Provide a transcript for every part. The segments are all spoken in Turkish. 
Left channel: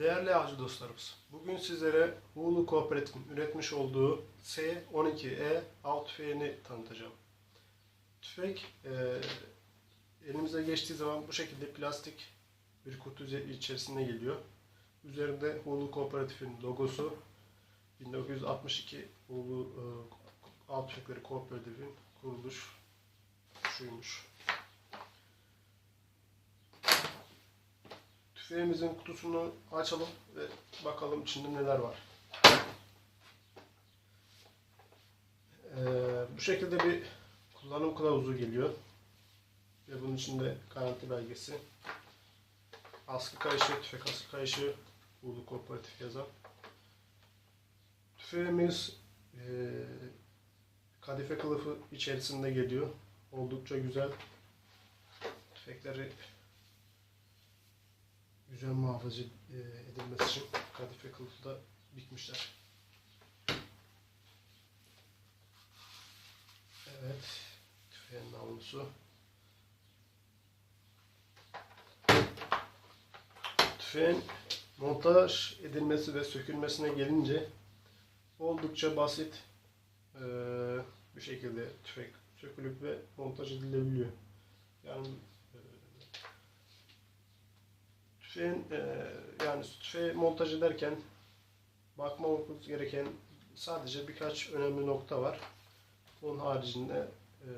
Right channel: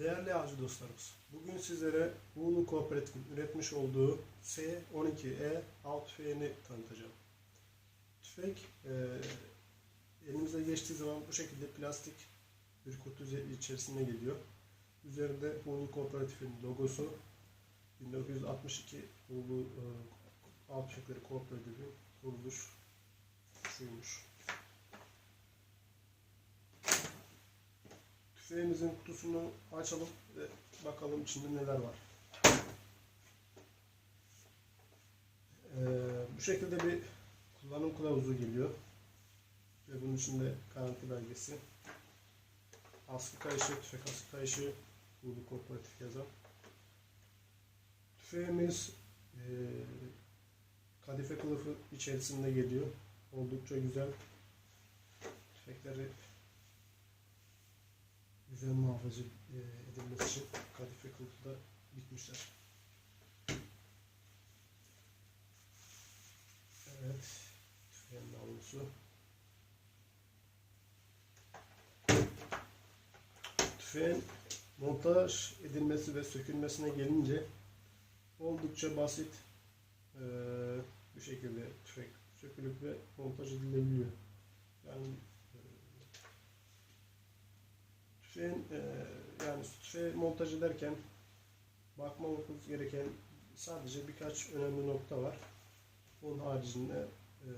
Değerli avcı dostlarımız, bugün sizlere Uğurlu Kooperatif'in üretmiş olduğu S12E av tüfeğini tanıtacağım. Tüfek e, elimize geçtiği zaman bu şekilde plastik bir kutu içerisinde geliyor. Üzerinde Uğurlu Kooperatif'in logosu 1962 Uğurlu e, Av Tüfekleri Kooperatif'in kuruluş şuymuş. Tüfeğimizin kutusunu açalım ve bakalım içinde neler var. Ee, bu şekilde bir kullanım kılavuzu geliyor. Ve bunun içinde garanti belgesi. Askı kayışı, tüfek askı kayışı, Ulu Kooperatif yazan. Tüfeğimiz e, kadife kılıfı içerisinde geliyor. Oldukça güzel. Tüfekleri güzel muhafaza e, edilmesi için kadife kılıfı da dikmişler. Evet, tüfeğin namlusu. Tüfeğin montaj edilmesi ve sökülmesine gelince oldukça basit e, bir şekilde tüfek sökülüp ve montaj edilebiliyor. Yani e, tüfeğin e, yani tüfeği montaj ederken bakmamız gereken sadece birkaç önemli nokta var. Onun haricinde e,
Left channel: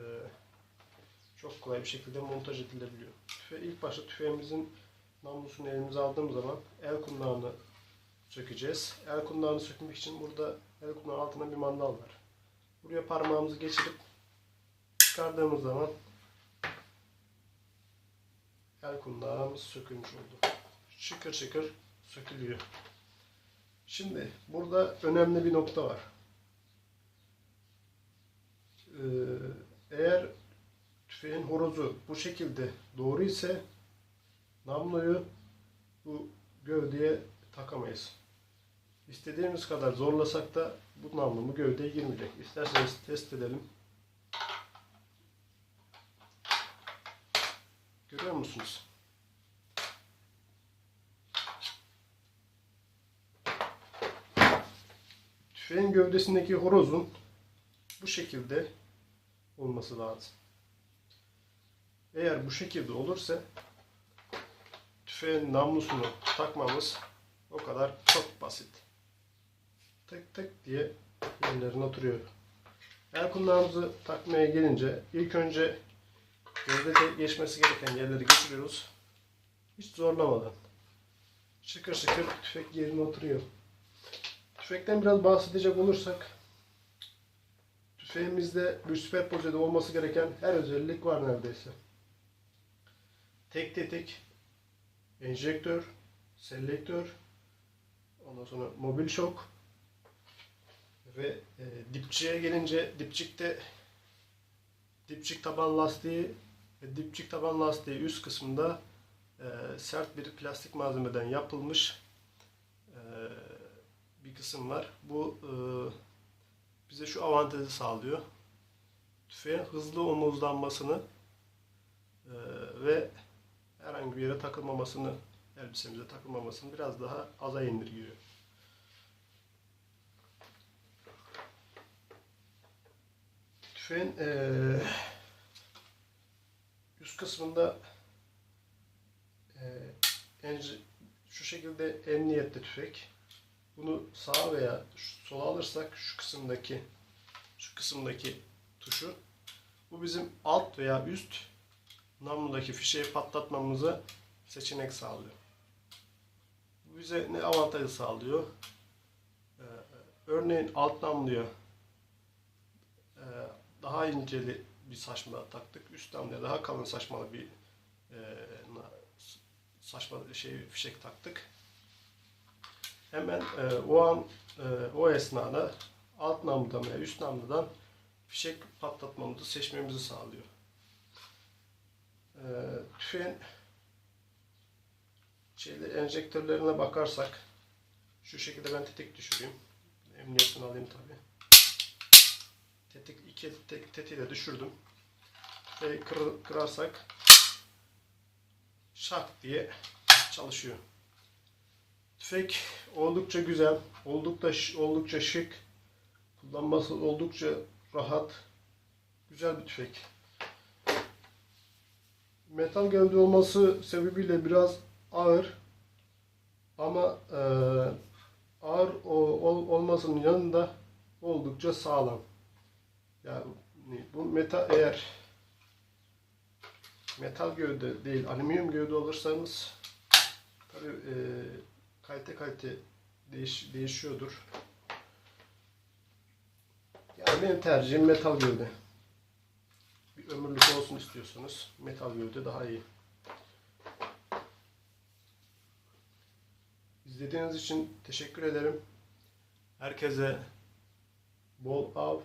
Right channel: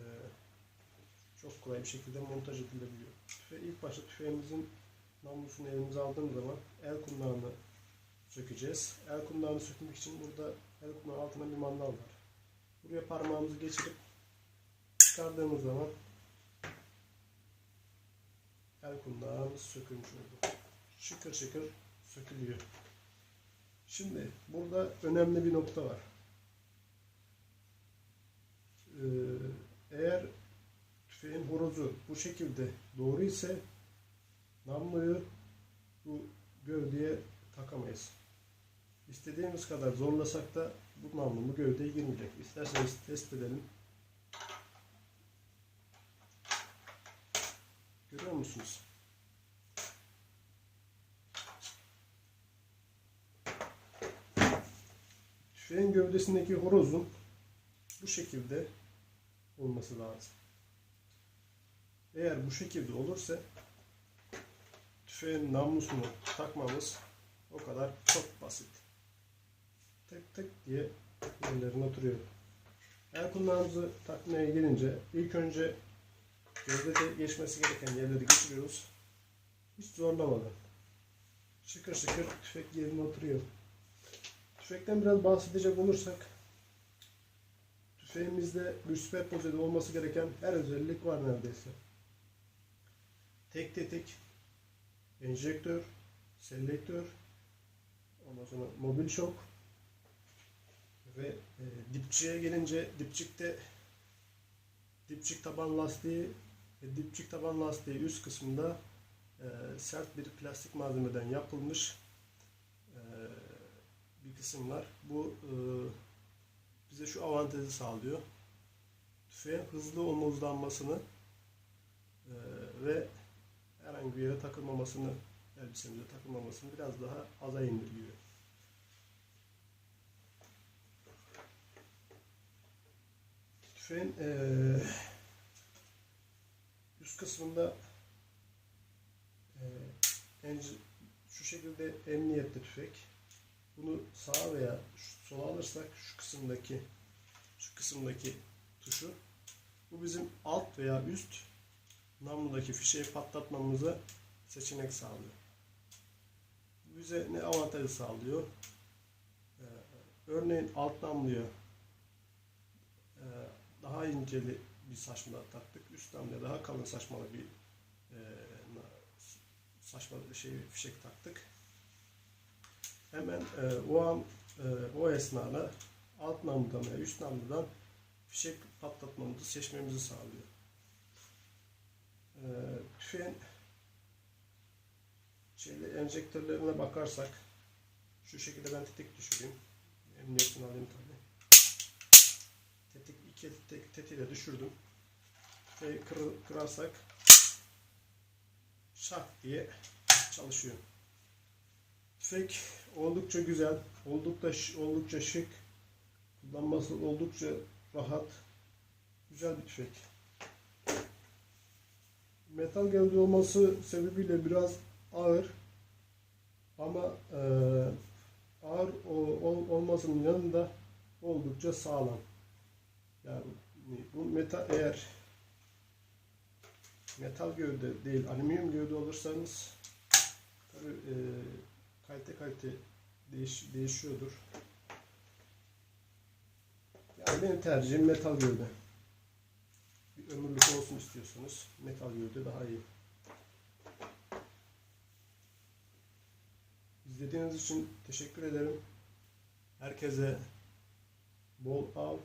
çok kolay bir şekilde montaj edilebiliyor. Tüfe, ilk başta tüfeğimizin namlusunu elimize aldığımız zaman el kundağını sökeceğiz. El kundağını sökmek için burada el kundağı altında bir mandal var. Buraya parmağımızı geçirip çıkardığımız zaman el kundağımız sökülmüş oldu. Şıkır şıkır sökülüyor. Şimdi burada önemli bir nokta var. Ee, eğer tüfeğin horozu bu şekilde doğru ise namluyu bu gövdeye takamayız. İstediğimiz kadar zorlasak da bu namlu bu gövdeye girmeyecek. İsterseniz test edelim. Görüyor musunuz? Tüfeğin gövdesindeki horozun bu şekilde olması lazım. Eğer bu şekilde olursa tüfeğin namlusunu takmamız o kadar çok basit. Tık tık diye yerlerine oturuyor. El kundağımızı takmaya gelince ilk önce gövdede geçmesi gereken yerleri geçiriyoruz. Hiç zorlamadan. Şıkır şıkır tüfek yerine oturuyor. Tüfekten biraz bahsedecek olursak tüfeğimizde bir süperpozede olması gereken her özellik var neredeyse. Tek tetik, enjektör, selektör, ondan sonra mobil şok ve e, dipçiye gelince dipçikte dipçik taban lastiği ve dipçik taban lastiği üst kısmında e, sert bir plastik malzemeden yapılmış e, bir kısım var. Bu e, bize şu avantajı sağlıyor. Tüfeğin hızlı omuzlanmasını e, ve herhangi bir yere takılmamasını, elbisemize takılmamasını biraz daha aza indirgiyor. Tüfeğin eee, üst kısmında enci- şu şekilde emniyetli tüfek. Bunu sağa veya sola alırsak şu kısımdaki şu kısımdaki tuşu bu bizim alt veya üst namludaki fişeği patlatmamıza seçenek sağlıyor. Bu bize ne avantajı sağlıyor? Ee, örneğin alt namluya e, daha inceli bir saçma taktık. Üst namluya daha kalın saçmalı bir e, saçma şey fişek taktık. Hemen e, o an e, o esnada alt namludan veya üst namludan fişek patlatmamızı seçmemizi sağlıyor. Ee, tüfeğin şeyli enjektörlerine bakarsak şu şekilde ben tetik düşüreyim. Emniyetini alayım tabi. Tetik iki tek, tetiği de düşürdüm. Ve kır, kırarsak şak diye çalışıyor. Tüfek oldukça güzel, oldukça oldukça şık, kullanması oldukça rahat, güzel bir tüfek. Metal gövde olması sebebiyle biraz ağır ama e, ağır o- ol- olmasının yanında oldukça sağlam. Yani bu metal eğer metal gövde değil alüminyum gövde alırsanız tabii e, kalite kalite değiş, değişiyordur. Yani benim tercihim metal gövde. Bir ömürlük olsun istiyorsanız metal gövde daha iyi. İzlediğiniz için teşekkür ederim. Herkese bol av,